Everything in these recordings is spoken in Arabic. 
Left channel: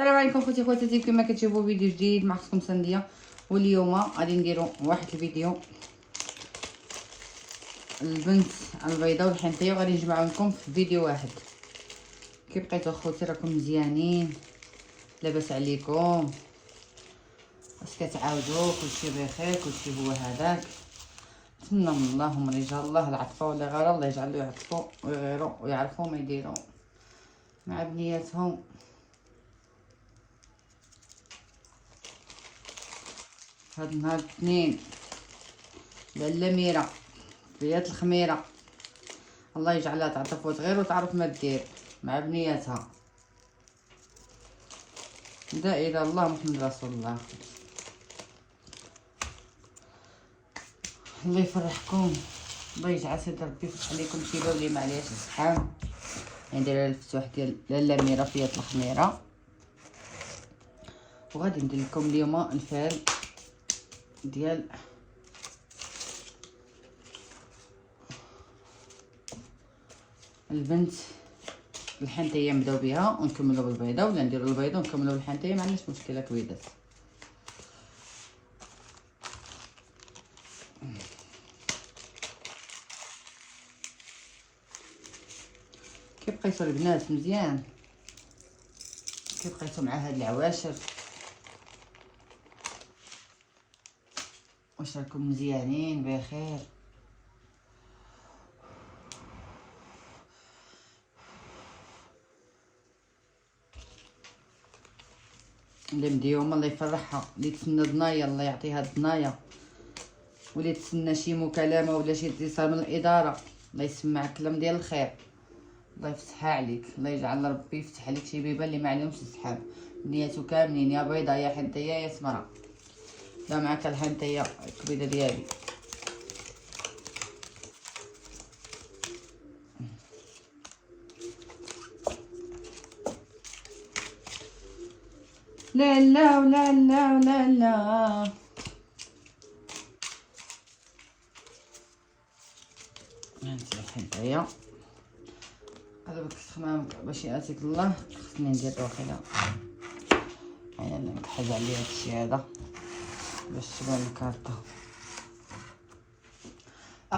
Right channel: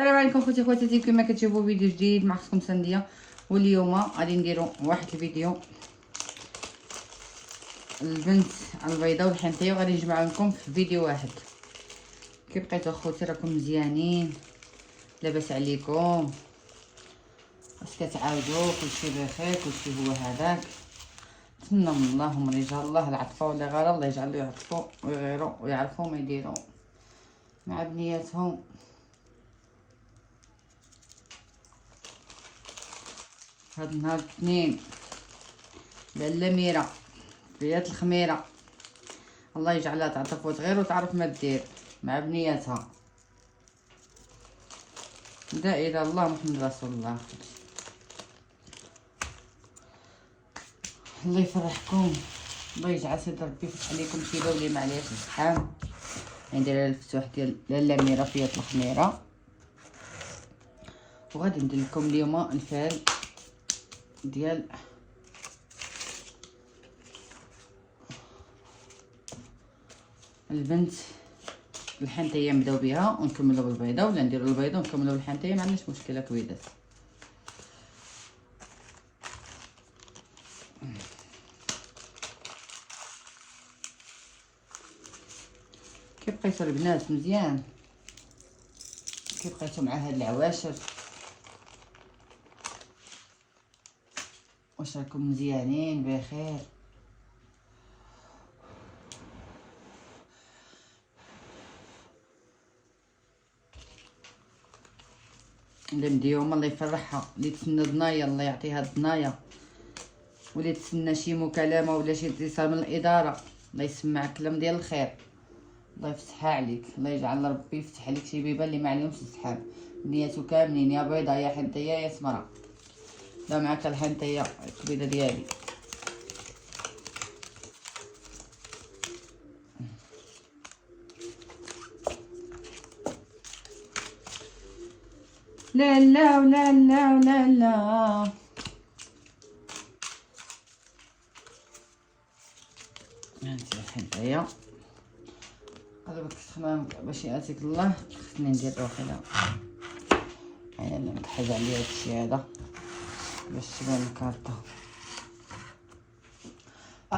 السلام عليكم خوتي خواتاتي، كما كتشوفوا فيديو جديد مع اختكم سنديه. واليوم غادي نديروا واحد الفيديو البنت البيضاء والحنطيه، وغادي نجمع لكم في فيديو واحد. كي بقيتوا خوتي راكم مزيانين؟ لاباس عليكم؟ واش كتعاودوا؟ كلشي بخير؟ كلشي هو هذاك. نتمنى من الله ومن رجال الله العطفه ولا غير الله يجعل يعطفوا ويغيروا ويعرفوا ما يديروا مع بنياتهم. هاد النهار الاثنين لاله ميره ليله الخميره، الله يجعلها تعطف وتغير وتعرف ما دير مع بنياتها. لا اله الا الله محمد رسول الله. الله يفرحكم، الله يجعل سيد ربي يفتح عليكم سيده ولي معليش الزحام. ندير الفتوح ديال لاله ميره في ليله الخميره، وغادي ندير لكم اليوم الفعل ديال البنت الحنطيه. نبداو بها ونكملوا بالبيضه، ولا نديروا البيضه ونكملوا بالحنطيه، ما عندناش مشكله كويدات. كي بقيتوا البنات مزيان؟ كي بقيتوا مع هاد العواشر؟ واش راكم مزيانين بخير؟ اللي مديومه الله يفرحها، اللي تسنى ضنايا الله يعطيها الضنايا، واللي تسنى شي مكالمه ولا شي اتصال من الاداره الله يسمع كلام ديال الخير، الله يفتحها عليك، الله يجعل ربي يفتح عليك شي بيبان اللي ما عليهمش السحاب. بنياتو كاملين، يا بيضه يا حنطيه يا سمره. لا معاك الحنطيه الكبيده ديالي. لا لا ولا لا ولا لا. هانتي الحنطيه قلبك تخمام باش ياتيك الله. خصني ندير كذا، انا ما نحضر لي هادشي هذا باش تبان الكارطه.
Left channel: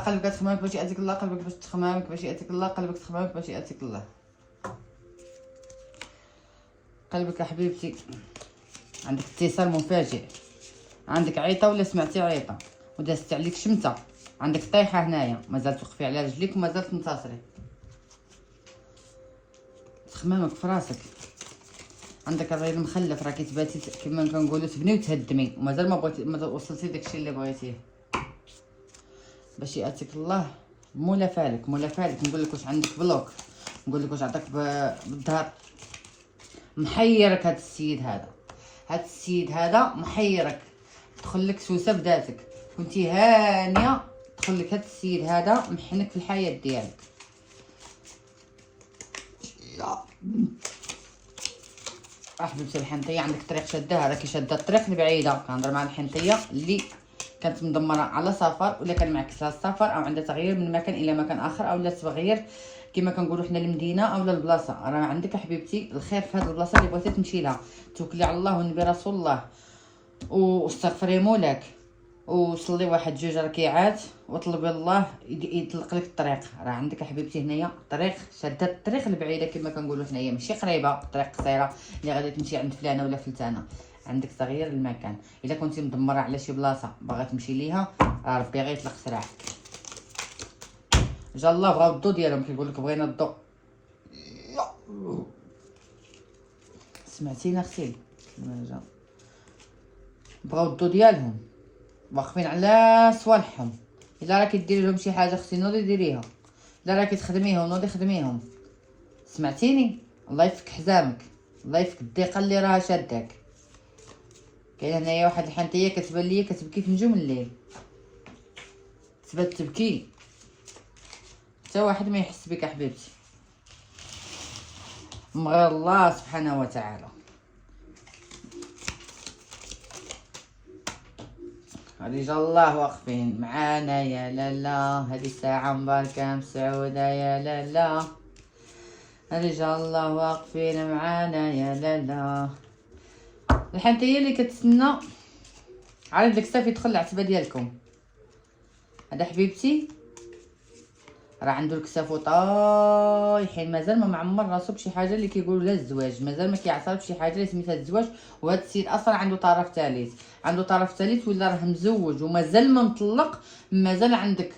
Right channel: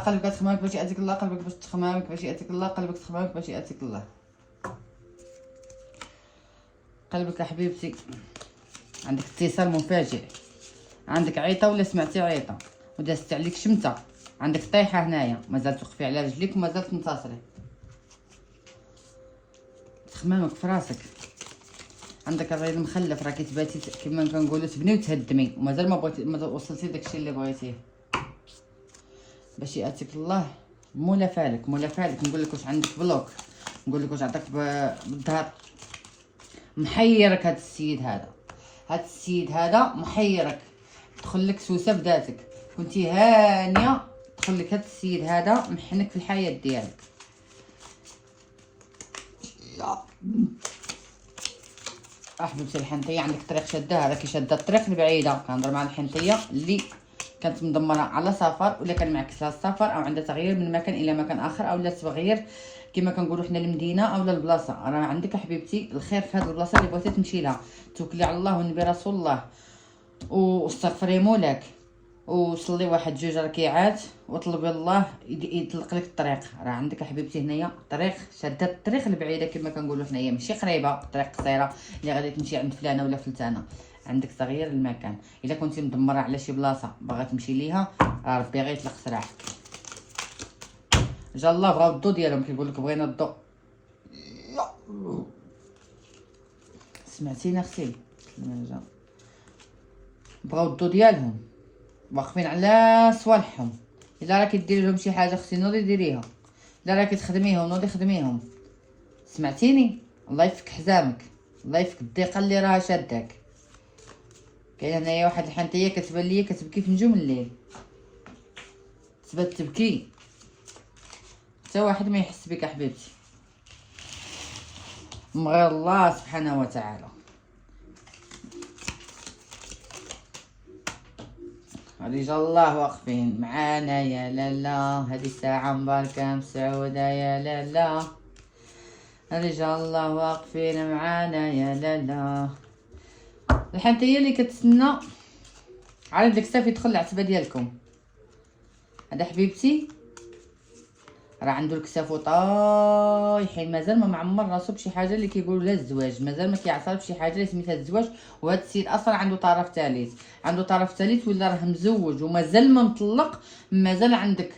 قلبك تخمامك باش ياتيك الله، قلبك باش تخمامك باش ياتيك الله، قلبك تخمامك باش ياتيك الله. قلبك يا حبيبتي عندك اتصال مفاجئ، عندك عيطه ولا سمعتي عيطه ودازت عليك شمته، عندك طيحه هنايا مازال تخفي على رجليك ومازال تنتصري. تخمامك في راسك، عندك الراجل مخلف، راكي تباتي كيما كنقولوا تبني وتهدمي، ومازال ما وصلتي داكشي اللي بغيتيه. باش ياتيك الله مولا فالك مولا فالك. نقول لك واش عندك بلوك، نقول لك واش عطاك بالظهر. محيرك هاد السيد هذا، هاد السيد هذا محيرك، دخل لك سوسه بداتك، كنتي هانيه دخل لك هاد السيد هذا محنك في الحياه ديالك. حبيبتي الحنطيه عندك طريق شادها، راكي شاده الطريق البعيده. كنهضر مع الحنطيه اللي كانت مدمره على سفر، ولا كان معكسها السفر، او عندها تغيير من مكان الى مكان اخر، او لا تغيير كما كنقولوا حنا المدينه او البلاصه. راه عندك حبيبتي الخير في هذه البلاصه اللي بغيتي تمشي لها. توكلي على الله والنبي رسول الله، واستغفري مولاك، وصلي واحد جوج ركيعات، وطلبي الله يطلق لك الطريق. راه عندك حبيبتي هنايا طريق شاده الطريق البعيده كما كنقولوا حنايا، ماشي قريبه، طريق قصيره اللي غادي تمشي عند فلانه ولا فلتانه. عندك تغيير المكان، الا كنتي مدمره على شي بلاصه باغا تمشي ليها، ربي غيطلق سراحك. جا الله بغاو الضو ديالهم، كيقول لك بغينا الضو. سمعتيني اختي؟ بغاو الضو ديالهم، واقفين على صوالحهم. الا راكي ديري لهم شي حاجه اختي نوضي ديريها، الا راكي تخدميهم نوضي خدميهم. سمعتيني؟ الله يفك حزامك، الله يفك الضيقه اللي راها شاداك. كاين هنايا واحد الحنطيه كتبان ليا كتبكي في نجوم الليل، تبات تبكي حتى واحد ما يحس بك حبيبتي من غير الله سبحانه وتعالى. رجال الله واقفين معانا يا لالا، هذه الساعة مباركة مسعودة يا لالا. رجال الله واقفين معانا يا لالا، الحنطيه اللي كتسنى على ديك الصافي يدخل العتبه ديالكم. هذا حبيبتي راه عنده الكسافو طايحين، مازال ما معمر راسو بشي حاجه اللي كيقولوا لها الزواج، مازال ما كيعصر بشي حاجه اللي سميتها الزواج. وهذا السيد اصلا عنده طرف ثالث، عنده طرف ثالث ولا راه مزوج ومازال ما مطلق. مازال عندك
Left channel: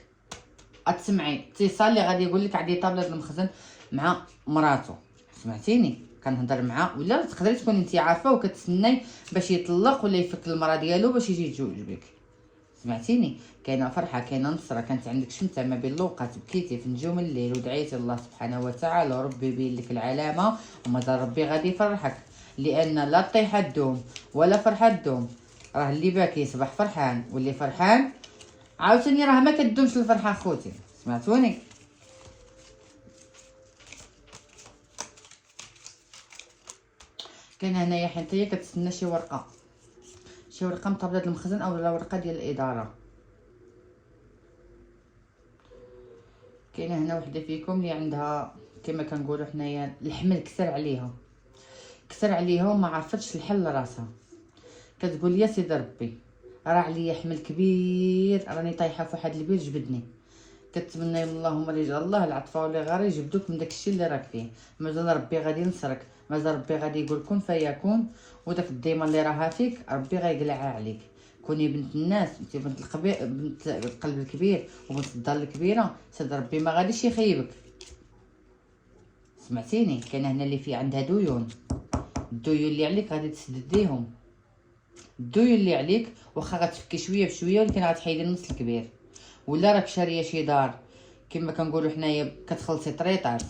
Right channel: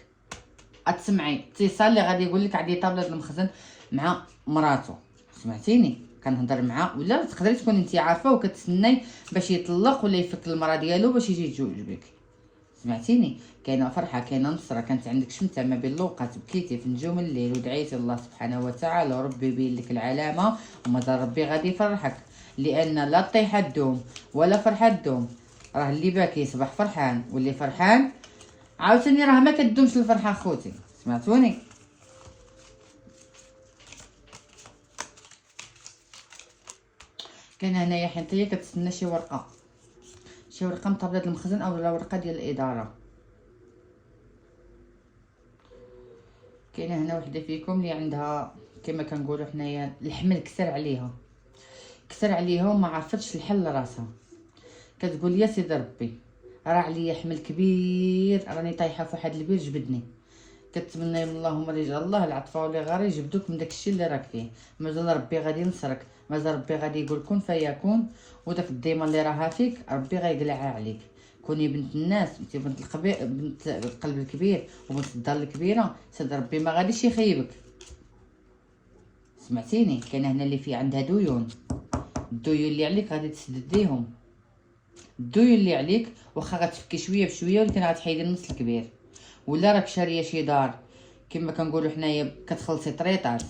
غتسمعي اتصال اللي غادي يقول لك عندي طابله المخزن مع مراتو. سمعتيني كنهضر معاه، ولا تقدري تكوني انت عارفه وكتسناي باش يطلق ولا يفك المراه ديالو باش يجي يتزوج بك. سمعتيني كاينه فرحه، كاينه نصره، كانت عندك شمته ما بين لوقات، بكيتي في نجوم الليل ودعيتي الله سبحانه وتعالى ربي يبين لك العلامه، ومازال ربي غادي يفرحك. لان لا طيحه تدوم ولا فرحه تدوم، راه اللي باكي يصبح فرحان، واللي فرحان عاوتاني راه ما كدومش الفرحه خوتي. سمعتوني؟ كان هنايا حنطيه كتسنى شي ورقه من طابله المخزن او ورقه ديال الاداره. كاينه هنا وحده فيكم اللي عندها كما كنقولوا حنايا الحمل كسر عليها وما عرفتش تحل راسها. كتقول يا سيدي ربي راه عليا حمل كبير، راني طايحه في واحد البيت جبدني. كتمنى من اللهم رجال الله العطفه ولا غير يجبدوك من داكشي اللي راك فيه. مازال ربي غادي ينصرك، مازال ربي غادي يقول كن فيكون، وداك الديمه اللي راها فيك ربي غيقلعها عليك. كوني بنت الناس، انت بنت القلب الكبير وبنت الدار الكبيره، سيدي ربي ما غاديش يخيبك. سمعتيني؟ كاين هنا اللي في عندها ديون، الديون اللي عليك غادي تسدديهم. الديون اللي عليك واخا غتفكي شويه بشويه ولكن غتحيدي النص الكبير. ولا راك شاريه شي دار كما كنقولوا حنايا كتخلصي طريطات،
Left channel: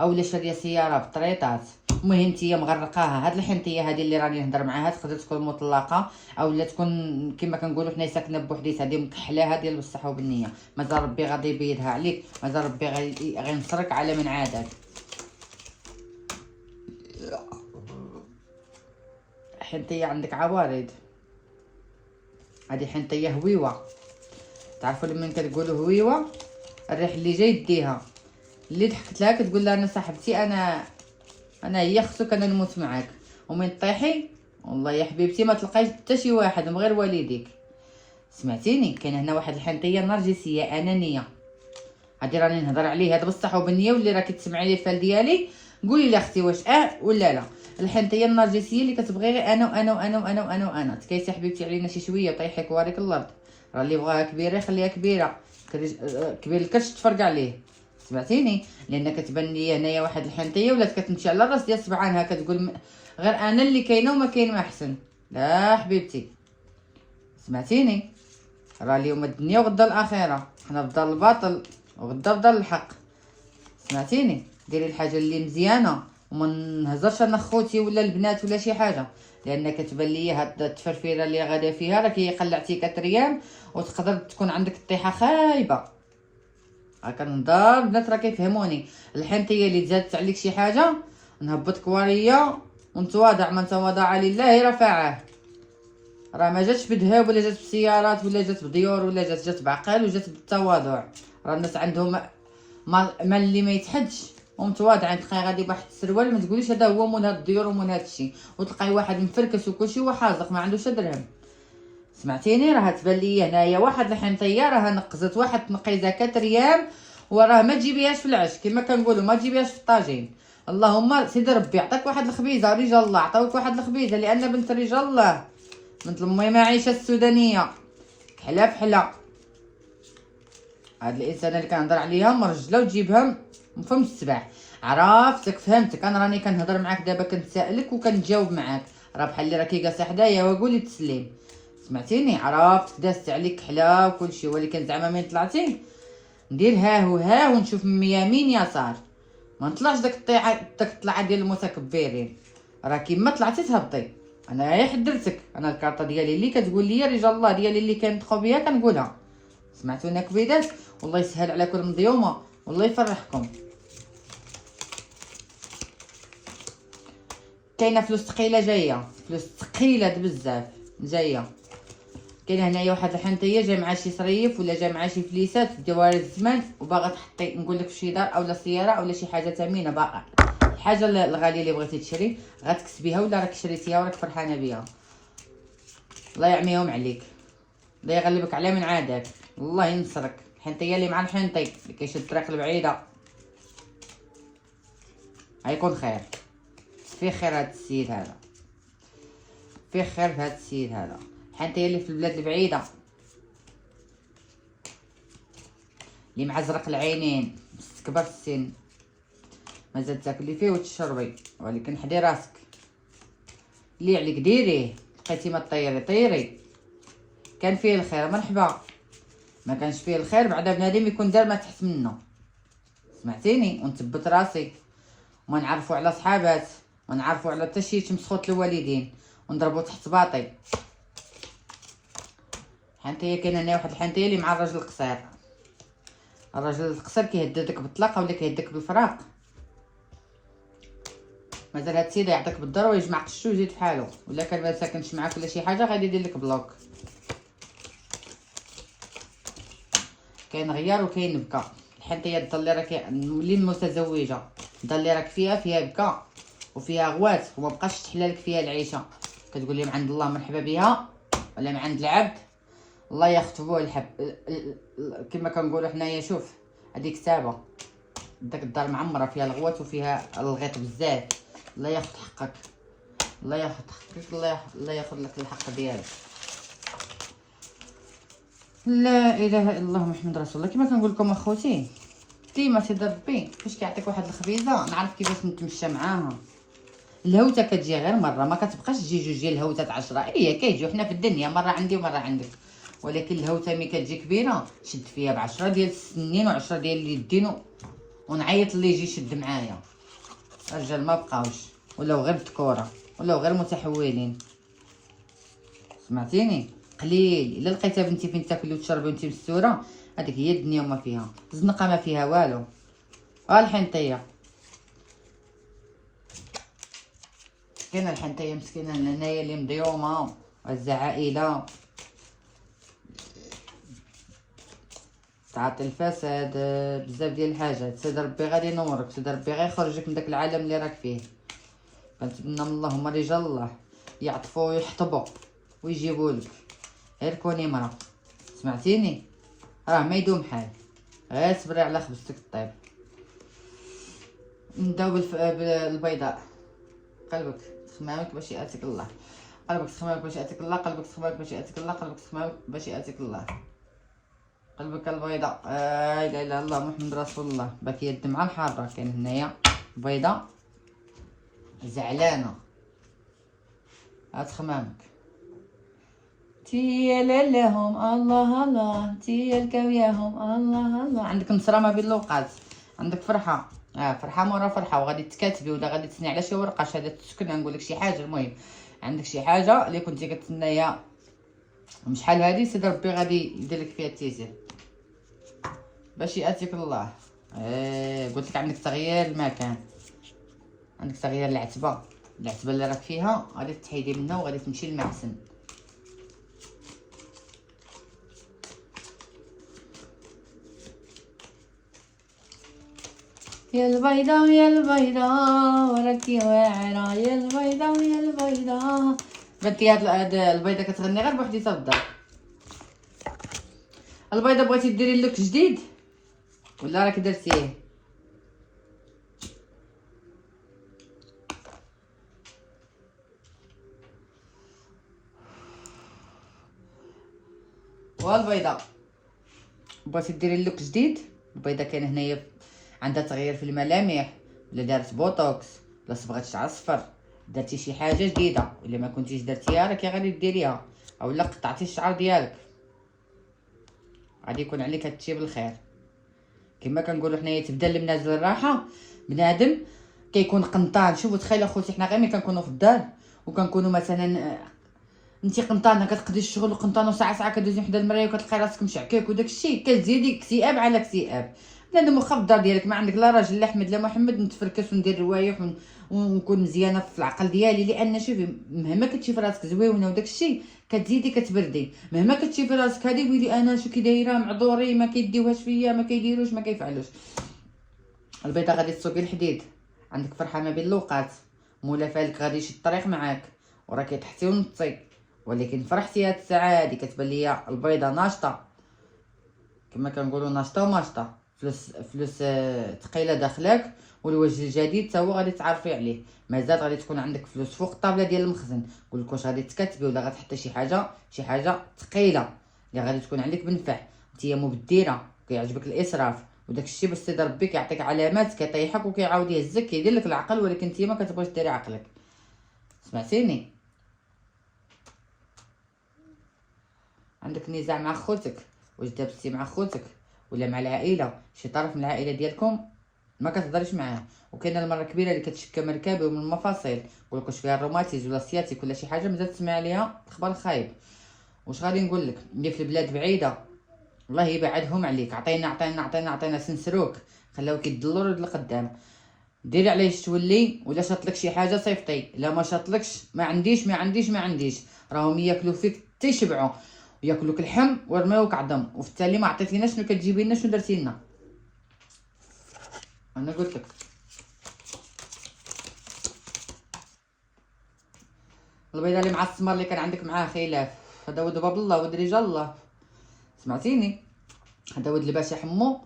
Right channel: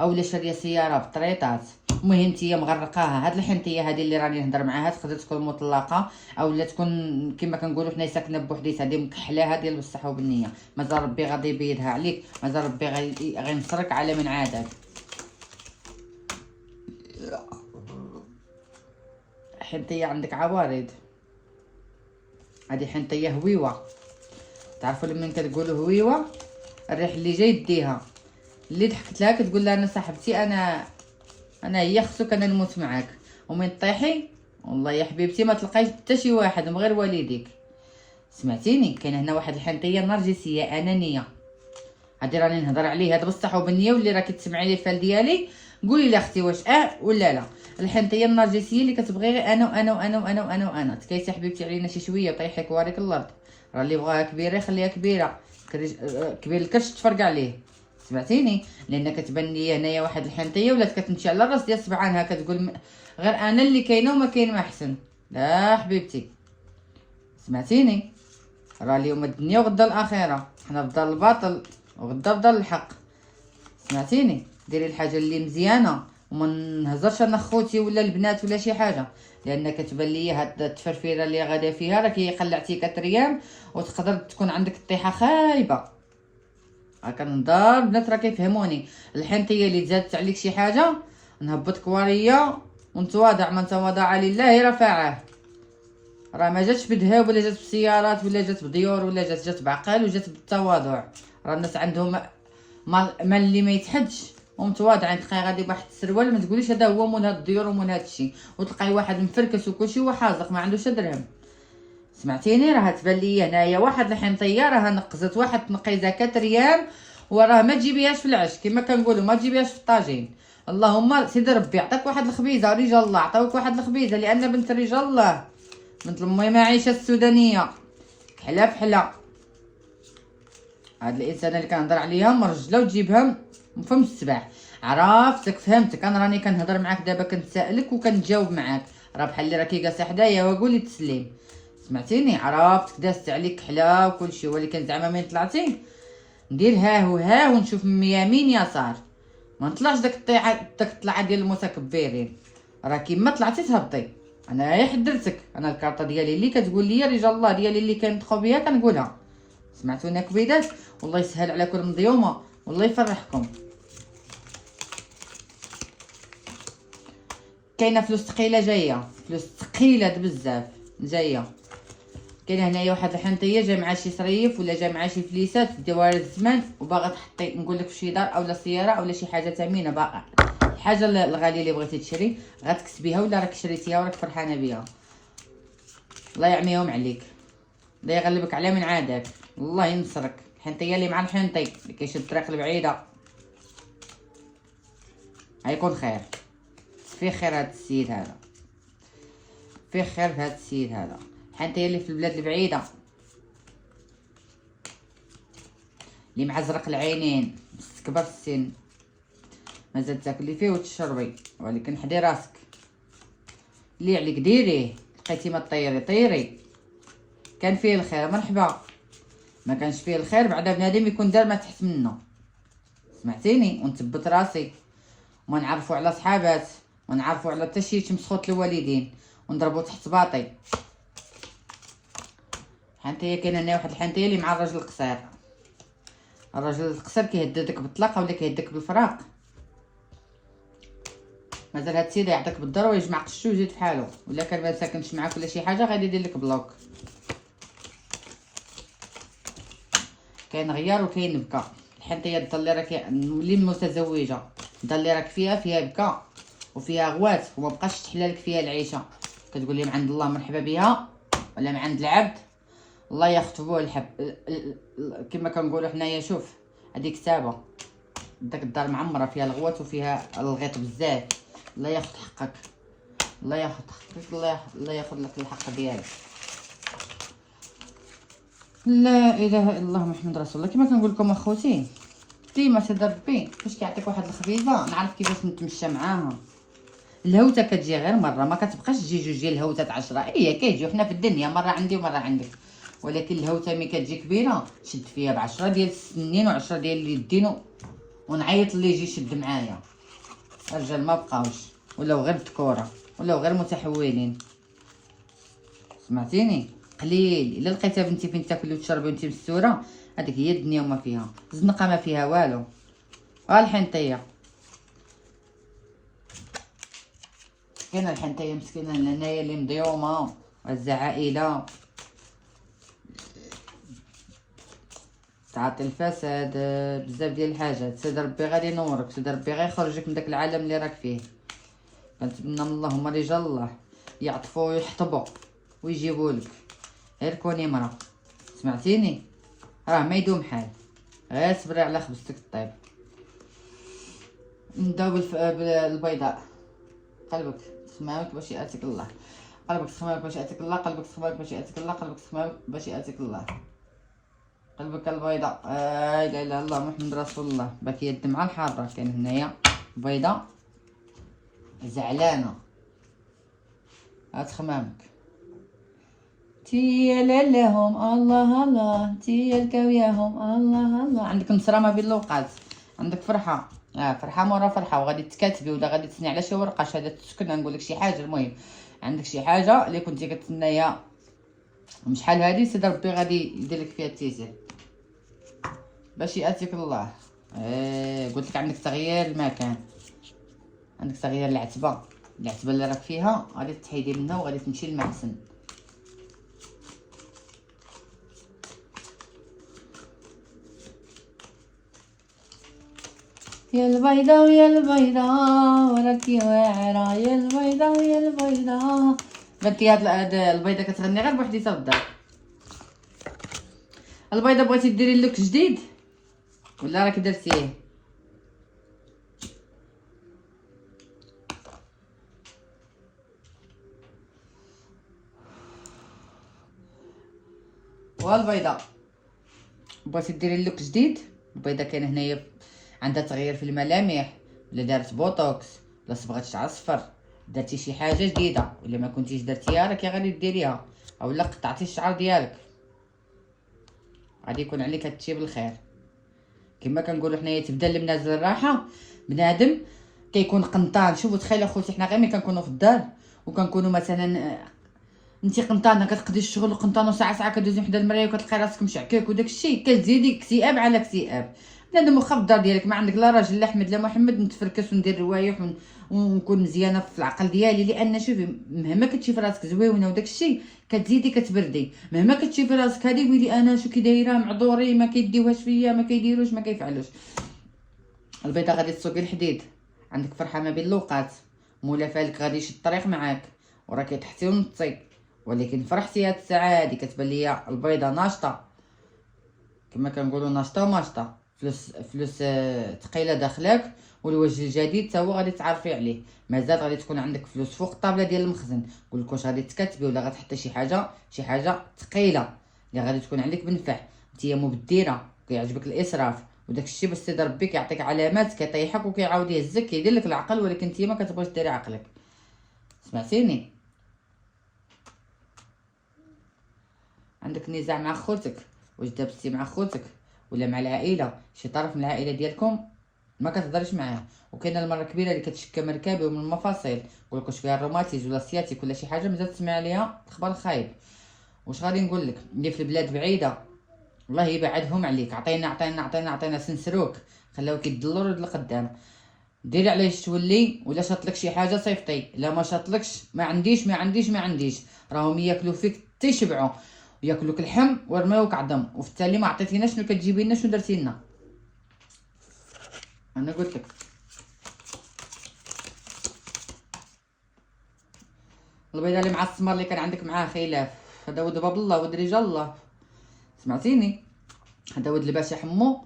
اولا شاريه سياره بطريطات، المهم نتيا مغرقاها. هاد الحنطيه هادي اللي راني نهضر معاها تقدر تكون مطلقه اولا تكون كما كنقولوا حنايا ساكنه بوحديتها، هادي مكحله هادي بصح وبالنيه. مازال ربي غادي يبيدها عليك، مازال ربي غينصرك على من عادك. حنطيه عندك عوارض، هادي حنطيه هويوه. تعرفوا لما كتقولوا هويوه الريح اللي جاي يديها، اللي ضحكت لها كتقول لها انا صاحبتي انا هي خصك انا نموت معاك، ومن طيحي والله يا حبيبتي ما تلقايش حتى شي واحد من غير والديك. سمعتيني؟ كاين هنا واحد الحنطيه نرجسيه انانيه، هادي راني نهضر عليه هاد بصح وبالنيه، واللي راكي تسمعي لي الفال ديالي قولي لي اختي واش ولا لا. الحنطيه النرجسيه اللي كتبغي غير انا تكيسي حبيبتي علينا شي شويه طيحك واريك الارض. راه اللي بغاها كبيره يخليها كبيره، كبير الكرش تفرق عليه. سمعتيني؟ لان كتبان لي هنايا واحد الحنطيه ولات كتمشي على الراس ديال سبعانها، كتقول غير انا اللي كاينه وما كاين ما احسن. لا حبيبتي سمعتيني؟ راه اليوم الدنيا وغدا الاخره، حنا في دار الباطل وغدا في دار الحق. سمعتيني؟ ديري الحاجه اللي مزيانه وما نهزرش انا خوتي ولا البنات ولا شي حاجه، لان كتبان لي هاد التفرفيره اللي غادا فيها راك هي قلعتي كتريان وتقدر تكون عندك الطيحه خايبه. هاكا نضال البنات راه كيفهموني. الحنطيه اللي تزادت عليك شي حاجه نهبطك وريه ونتواضع، من تواضع لله رفعه. راه ما جاتش بدهب ولا جات بسيارات ولا جات بديور ولا جات بعقل وجات بالتواضع. راه الناس عندهم مال اللي ما يتحدش ومتواضعين. تلقاي غادي بواحد السروال ما تقوليش هذا هو مول هاد الديور ومول هاد الشيء، وتلقاي واحد مفركس وكلشي وحازق ما عندوش درهم. سمعتيني؟ راه تبان لي هنايا واحد الحنطيه راها نقزت واحد تنقيزه 4 ريال، وراه ما تجيبيهاش في العش كما كنقولوا، ما تجيبيهاش في الطاجين. اللهم سيدي ربي عطاك واحد الخبيزه، رجال الله عطاوك واحد الخبيزه، لان بنت رجال الله بنت المهم عايشه السودانيه حلا في حلا. هاد الانسانه اللي كنهضر عليها مرجله وتجيبها من فم السبع. عرفتك فهمتك، انا راني كنهضر معاك دابا كنتسائلك وكنجاوب معاك، راه بحال اللي راكي جالسه حدايا وقولي تسليم. سمعتيني؟ عرفتك دازت عليك حلا وكلشي، ولكن زعما مين طلعتي ندير ها وها ونشوف من يمين يسار، ما نطلعش داك الطلعه ديال المتكبرين. راه كيما طلعتي تهبطي. انا غير حدرتك، انا الكارطه ديالي اللي كتقول لي رجال الله ديالي اللي كندخل بيها كنقولها. سمعتوني كبيدات؟ والله يسهل عليكم المضيومه والله يفرحكم. كاينه فلوس ثقيله جايه، فلوس ثقيله بزاف جايه. كاين هنايا واحد الحنطيه جا مع شي صريف ولا جا مع شي فليسات في دوائر الزمان، وباغا تحطي نقول لك في شي دار اولا سياره اولا شي حاجه ثمينه، باقا الحاجه الغاليه اللي بغيتي تشري غتكسبيها ولا راك شريتيها وراك فرحانه بها. الله يعميهم عليك، الله يغلبك على من عاداك، الله ينصرك. الحنطيه اللي مع الحنطي اللي كيشد الطريق البعيده غيكون خير، فيه خير هاد السيد هذا، فيه خير هاد السيد هذا. الحنطيه اللي في البلاد البعيده، اللي معزرق العينين، مستكبر السن، مازال تاكلي فيه وتشربي، ولكن حدي راسك، اللي عليك ديريه. لقيتي ما طيري طيري، كان فيه الخير مرحبا، ما كانش فيه الخير بعدا بنادم يكون دار ما تحت منه. سمعتيني؟ ونثبت راسي، وما نعرفوا على صحابات، ما نعرفوا على حتى شي مسخوط الوالدين، ونضربوا تحت باطي. حنتيه كاين هنا واحد الحنتيه اللي مع الراجل القصير، الراجل القصير كيهددك بالطلاق ولا كيهددك بالفراق. مازال هاد السيد يعطيك بالضرب ويجمع قشو ويزيد فحالو، الا كان ما ساكنش معاك ولا شي حاجه غادي يدير لك بلوك. كاين غيار وكاين بكا. الحنتيه اللي راك مولي متزوجه، اللي راك فيها بكا وفيها غوات وما بقاش تحلالك فيها العيشه، كتقول لي من عند الله مرحبا بها ولا من عند العبد الله يختبوه الحب. كما كنقولوا حنايا، شوف هذيك كتابه، داك الدار معمره فيها الغوات وفيها الغيط بزاف. الله ياخذ حقك، الله ياخذ حقك، الله ياخذ لك الحق ديالك. لا اله الا الله محمد رسول الله. كما كنقول لكم اخوتي، ديما سيدي ربي فاش كيعطيك واحد الخبيزه نعرف كيفاش نتمشى معاهم. الهوته كتجي غير مره، ما كتبقاش تجي جوج ديال الهوتات 10. هي كيجيو حنا في الدنيا مره عندي ومره عندك، ولكن الهوته ملي كتجي كبيره شد فيها ب10 ديال السنين و10 ديال اليدين، ونعيط اللي يجي يشد معايا. الرجال ما بقاوش، ولاو غير تكوره، ولاو غير متحولين. سمعتيني؟ قليل الا لقيتها بنتي فين تاكلي وتشربي وانتي مستوره، هذيك هي الدنيا وما فيها. الزنقه ما فيها والو. ها الحنطيه، كاينه الحنطيه مسكينه هنايا اللي مضيومه، هزه عائله تعطي الفساد، بزاف ديال الحاجات. سيدي ربي غادي ينورك، سيدي ربي غيخرجك من داك العالم اللي راك فيه. كنتمنى من اللهم رجال الله يعطفوا ويحطبوا ويجيبوا لك، غير كوني مرا. سمعتيني؟ راه ما يدوم حال، غير صبري على خبزتك الطيب. نبداو بالبيضاء. قلبك تخمامك باش ياتيك الله، قلبك تخمامك باش ياتيك الله، قلبك تخمامك باش ياتيك الله، قلبك تخمامك باش ياتيك الله. قلبك البيضاء، لا اله الا الله محمد رسول الله. باكيه الدمعه الحاره. كاين هنايا بيضاء زعلانه، هات خمامك. تيا لهم الله الله، تيا الكاوياهم الله الله. عندك نصره ما بين الوقات، عندك فرحه، فرحه مورا فرحه، وغادي تكاتبي ولا غادي تسني على شي ورقه شهاده السكن. نقول لك شي حاجه، المهم عندك شي حاجه اللي كنتي كتسنايها من شحال هادي، سيدي ربي غادي يدير لك فيها التيسير باش ياتيك الله. قلت لك عندك تغيير المكان، عندك تغيير العتبه اللي راك فيها غادي تحيدي منها وغادي تمشي للمحسن. يا البيضة ويا البيضة وراكي واعرة، يا البيضة ويا البيضة. بنتي هاد البيضة كتغني غير بوحديتها في الدار. البيضة بغيتي ديري لوك جديد ولا راكي درتيه؟ والبيضة بغيتي ديري لوك جديد. البيضة كاين هنايا عندها تغيير في الملامح، ولا دارت بوتوكس، ولا صبغات شعر صفر، درتي شي حاجه جديده. الا ما كنتيش درتيها راكي غادي ديريها، اولا قطعتي الشعر ديالك، غادي يكون عليك هادشي بالخير. كما كنقولوا حنايا تبدا المنازل الراحه. بنادم كيكون قنطان. شوفوا تخيلوا خوتي، حنا غير ملي كنكونوا في الدار وكنكونوا مثلا انت قنطانه كتقضي الشغل وقنطانه ساعه كدوزي حدا المرايه وكتلقاي راسك مشعكك وداك الشيء، كتزيدي اكتئاب على اكتئاب. بنادم واخا في الدار ديالك ما عندك لا راجل لا احمد لا محمد، نتفركس وندير روايح ونكون مزيانه في العقل ديالي. لان شوفي، مهما كتشوفي راسك زويونه وداك الشيء كتزيدي كتبردي. مهما كتشوفي راسك هادي قولي انا شو كي دايره معذوري، ما كيديوهاش فيا، ما كيديروش، ما كيفعلوش. البيضه غادي تسوقي الحديد، عندك فرحه ما بين الوقات، مولا فالك غادي يشد الطريق معاك وراكي تحتي ونطي، ولكن فرحتي هاد الساعه هادي كتبان ليا البيضه ناشطه كما كنقولوا ناشطه وماشطه، فلوس ثقيله داخلك، والوجه الجديد حتى هو غادي تعرفي عليه. مازال غادي تكون عندك فلوس فوق الطابله ديال المخزن، قولك واش غادي تكتبي ولا غتحطي شي حاجه ثقيله اللي غادي تكون عندك بنفع. نتيا مبدره كيعجبك الاسراف وداك الشيء، باش سيدي ربي كيعطيك علامات كيطيحك وكيعاود يهزك كيدير لك العقل، ولكن انت ما كتبغيش ديري عقلك. سمعتيني؟ عندك نزاع مع خوتك، واش دابزتي مع خوتك ولا مع العائله، شي طرف من العائله ديالكم ما كتهضرش معاه، وكاينه المره كبيره اللي كتشكى من ركاب ومن المفاصل، يقولك واش فيها الروماتيز ولا السياتيك ولا شي حاجه، مازال تسمع عليها خبر خايب. واش غادي نقول لك؟ اللي في البلاد بعيده الله يبعدهم عليك. عطينا سنسروك، خلاوك يدلوا لقدام. ديري عليه تولي، ولا شاطلك شي حاجه صيفطي، لا ما شاطلكش ما عنديش راهم ياكلوا فيك تيشبعوا، ياكلوك اللحم ورماوك عظم، وفي التالي ما عطيتينا شنو كتجيبي لنا، شنو درتي لنا. انا قلت لك البيضه اللي مع السمر اللي كان عندك معاه خلاف، هذا ود باب الله ود رجال الله. سمعتيني؟ هذا ود لباس يحمو،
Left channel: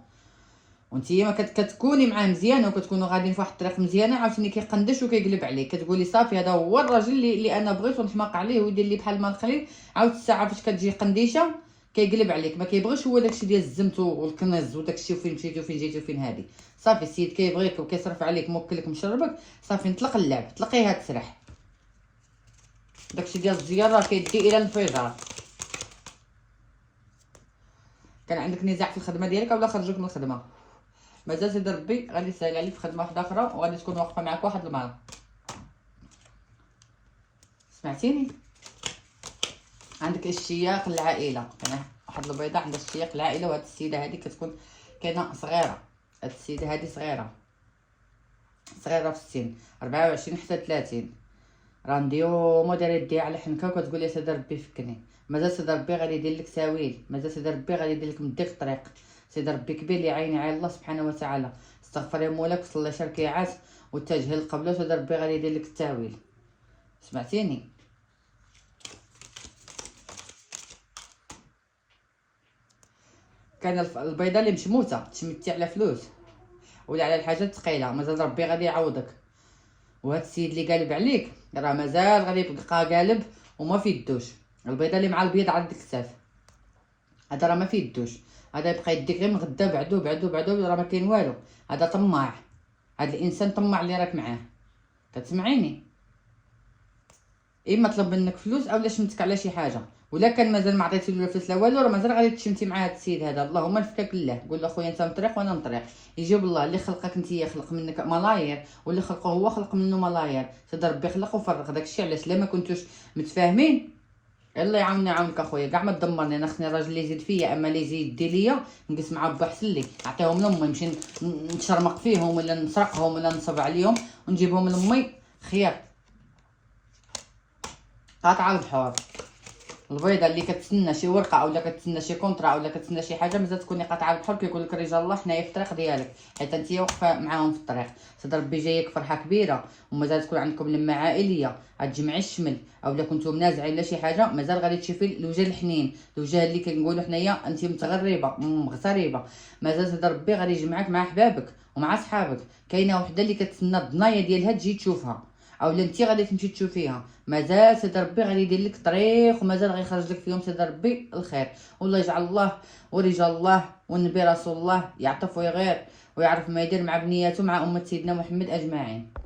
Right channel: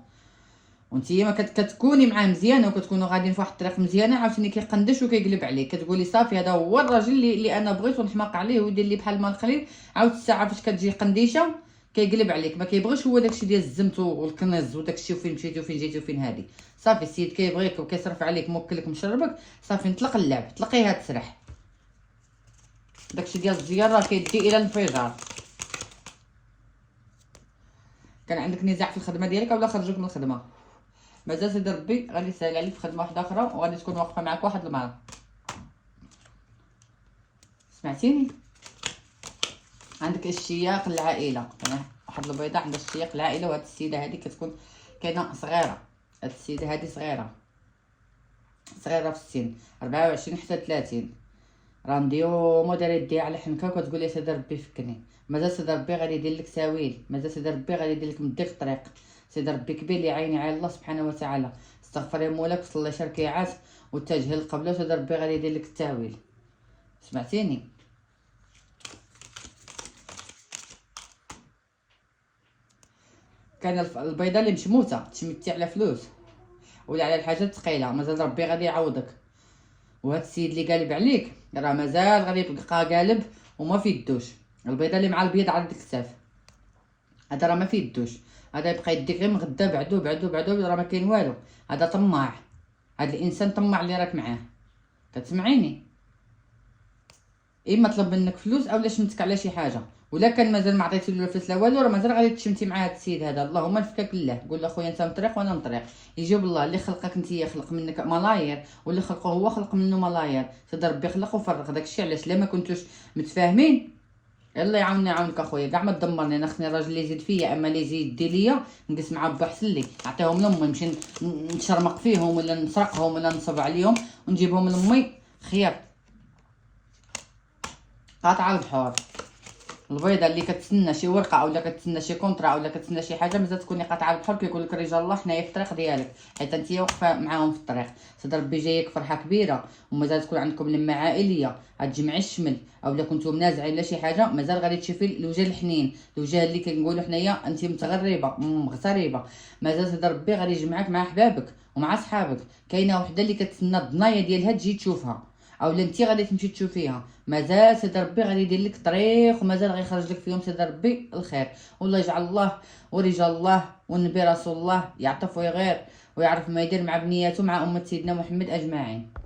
وانتيا ما كتكوني معاه مزيانه وكتكونوا غاديين في واحد الطريق مزيانه، عاوتاني كيقندش وكيقلب عليك، كتقولي صافي هذا هو الراجل اللي انا بغيت ونحماق عليه ويدير لي بحال ما نخلي. عاود الساعه فاش كتجي قنديشه كيقلب عليك، ما كيبغيش هو داكشي ديال الزمت والكنز وداكشي وفين مشيتي وفين جيتي وفين هادي. صافي السيد كيبغيك وكيصرف عليك موكلك مشربك، صافي نطلق اللعب، طلقيها تسرح. داكشي ديال الزياره كيدي الى الانفجار. كان عندك نزاع في الخدمه ديالك ولا خرجوك من الخدمه؟ مازال سيدي ربي غادي يسهل عليك في خدمه واحده اخرى، وغادي تكون واقفه معاك واحد المره. سمعتيني؟ عندك اشتياق للعائله، واحد البيضه عندها اشتياق للعائله، وهاد السيده هادي كتكون كاينه صغيره، هاد السيده هادي صغيره في السن، 24 حتى 30. راه نديومو دايره يديها على حنكه وكتقول يا سيدي ربي فكني. مازال سيدي ربي غادي يدير لك تاويل، مازال سيدي ربي غادي يدير لك مديك الطريق. سيدي ربي كبير اللي عين على الله سبحانه وتعالى. استغفري مولاك وصلي شركيعات واتجه للقبله، وسيدي ربي غادي يدير لك التاويل. سمعتيني؟ كان البيضه اللي مشموته تشمتي على فلوس ولا على الحاجات الثقيله، مازال ربي غادي يعوضك. وهاد السيد اللي قالب عليك راه مازال غادي يبقى قالب وما في يدوش. البيضه اللي مع البيض عند الكتاف هذا راه ما في يدوش، هذا يبقى يديك غير مغدا بعدو راه ما كاين والو. هذا طماع، هذا الانسان طماع اللي راك معاه. كتسمعيني؟ اما طلب منك فلوس اولا شمتك على شي حاجه، ولا كان مازال ما عطيتي له فلوس لا والو، راه مازال غادي تشمتي مع هذا السيد هذا. اللهم نفكك لله، قول له خويا انت مطريق وانا مطريق، يجيب الله اللي خلقك انت خلق منك ملاير، واللي خلقه هو خلق منه ملاير. سيدي ربي خلق وفرق داكشي، علاش لا ما كنتوش متفاهمين. الله يعاوني يعاونك اخويا، كاع ما تدمرني، انا خصني الراجل اللي يزيد فيا، اما اللي يزيد يدي ليا نجلس معاه با حسن لي، نعطيهم لامي نمشي نتشرمق فيهم ولا نسرقهم ولا نصب عليهم ونجيبهم لامي خير. قاطعه البحور. البيضه اللي كتسنى شي ورقه اولا كتسنى شي كونطرا اولا كتسنى شي حاجه، مازال تكوني قاطعه البحر. كيقول لك رجال الله حنايا في الطريق ديالك، حيت انت واقفه معاهم في الطريق. سيدي ربي جايك فرحه كبيره، ومازال تكون عندكم لمه عائليه، غتجمعي الشمل، اولا كنتو منازعين لا شي حاجه، مازال غادي تشوفي الوجه الحنين، الوجه اللي كنقولوا حنايا انت متغربه مغتربه. مازال سيدي ربي غادي يجمعك مع احبابك ومع صحابك. كاينه وحده اللي كتسنى الضنايا ديالها تجي تشوفها، اولا انت غادي تمشي تشوفيها. مازال سيدي ربي غادي يدير لك طريق، ومازال غيخرج لك فيهم سيدي ربي الخير. والله يجعل الله ورجال الله والنبي رسول الله يعطف ويغير ويعرف ما يدير مع بنياته مع امه سيدنا محمد اجمعين.